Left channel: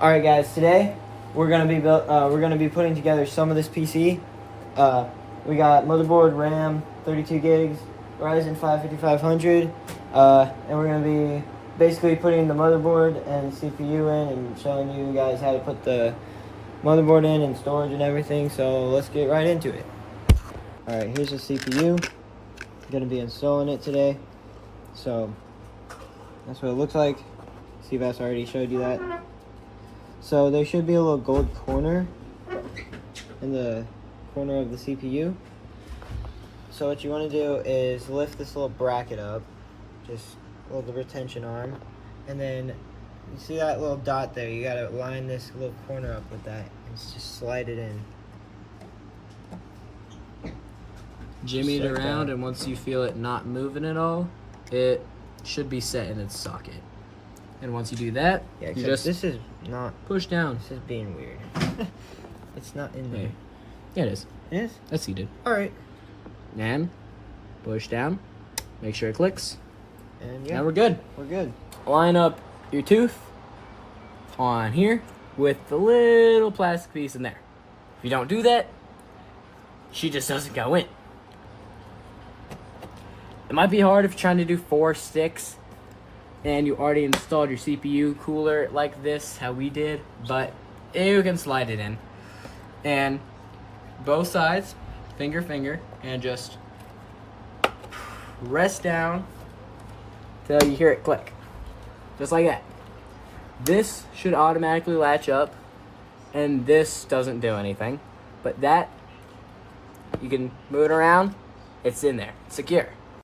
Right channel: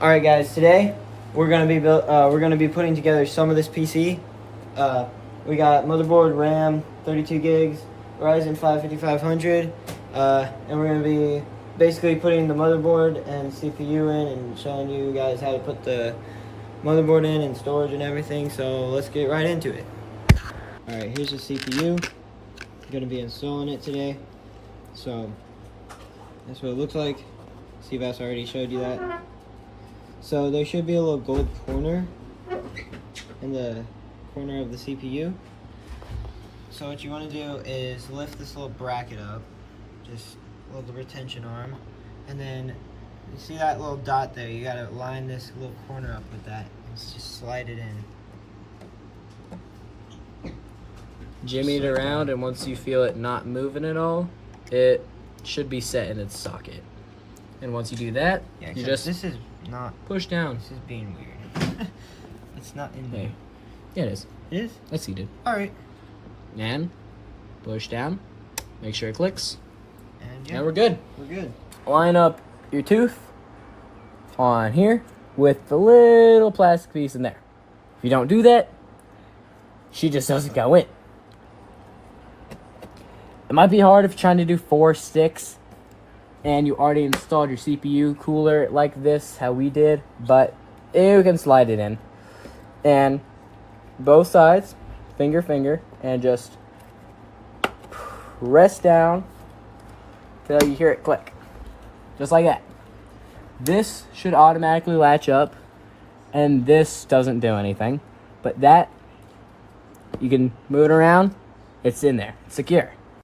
All right, guys. Today we're gonna be putting together some of this PC. We got motherboard, RAM, 32 gigs, Ryzen 5 5500, and we're gonna be basically putting the motherboard and CPU in and showing you guys how to put the motherboard in and storage and everything. So let's get right into it. All right, here's the CPU. I'm gonna be installing it today. So that's what it looks like. Seabass already showed you that. So there should be a little gold corner in the corner of the CPU. So what you want to do is lift this little bracket up, just a little retention arm, and then you see that little dot there. You gotta line this little corner up with that and just slide it in. Jimmy it around, and once you feel it not moving at all, it should be set in its socket. And once you do that, Yeah, you just this is not push down. This is being weird. It's not in there. Yeah, it is. It is? That's seated. Alright. And push down. Make sure it clicks. And yeah, now we're good. We're good. Line up your tooth on here with the little plastic piece in there. If you don't do that, she just doesn't go in. It might be hard if you're trying to do 4 sticks and you already installed your CPU cooler like this, how we did, but you can slide it in. And both sides, finger, and just press down till you hear it click. Just like that. This should automatically latch up, and this doesn't do anything. But that, you can move it around, it's in there, it's secure.